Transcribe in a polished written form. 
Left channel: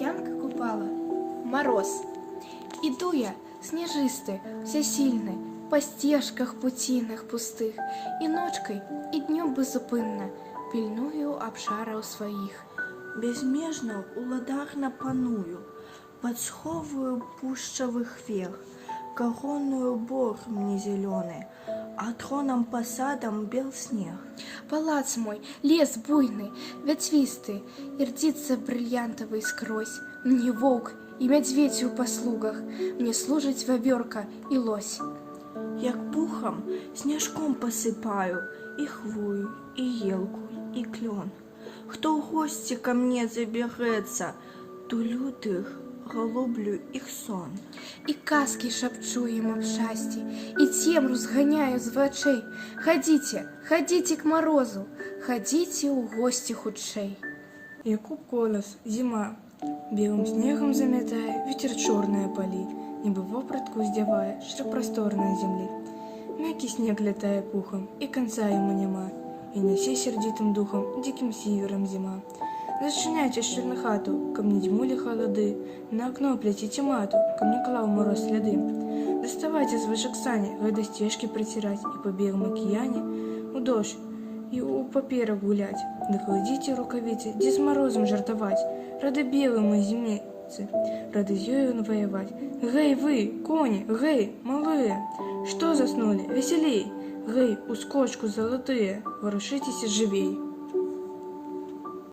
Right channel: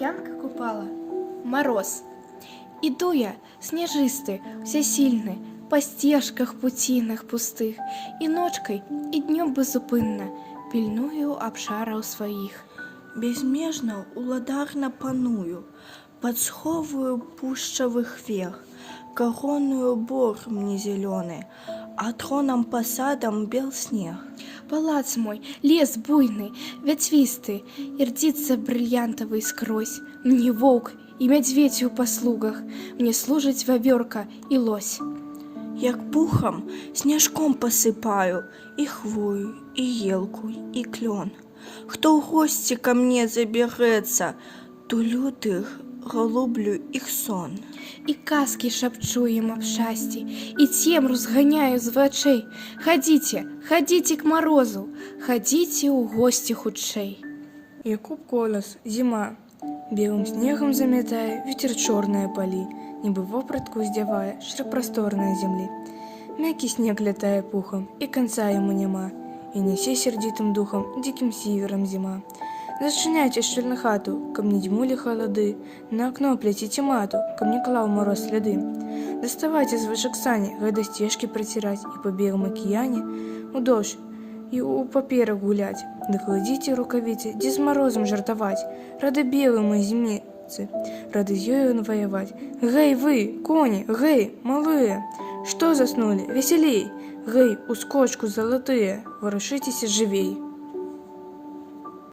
Янка купала мороз. Іду я, сніжисты, всесильны, па сцежках пуцінах пустых, і ночкай, і днём безупынна пільную абшараў сваіх. Безмежно уладарна паную, подсховую пушчавых вех, короную бор мне зеленый, а троном посадом бел снег. Палац мой, лес буйный, ветвисты, и рдится бриллиантовый скрозь. Мне волк и медведь у послугах, мне служить вавёрка и лось. Як пухом, снежком посыпаю и хвою, и елку, и клен. Кто в гости ко мне заберется, тулю их, голублю их сон. И казки шепчу ему в шасти, и темру сгоняю з вачэй. Ходите, ходите к морозу, ходите у гости хутчэй. Якуб колос, зима. Белым снегом заметая, ветер черные поли, небо вопратку сдевая, шрек просторной земли. Мягкий снег летая пухом, и конца ему нема, и неси сердитым духом, диким севером зима. Зачиняйте щель на хату, ко мне дьмули холоды, на окно плетите мату, ко мне клал мороз следы. Доставайте с вышек сани, когда стежки протирать, и по белому океане у дождь, и у паперы гулять. Да кладите рукавицы, где с морозом жартовать, рады белые мои зимницы, рады с ёю воевать. Гей вы, кони, гей, малые, что заснули, веселей, гей, ускочку золотые, ворушитесь живей.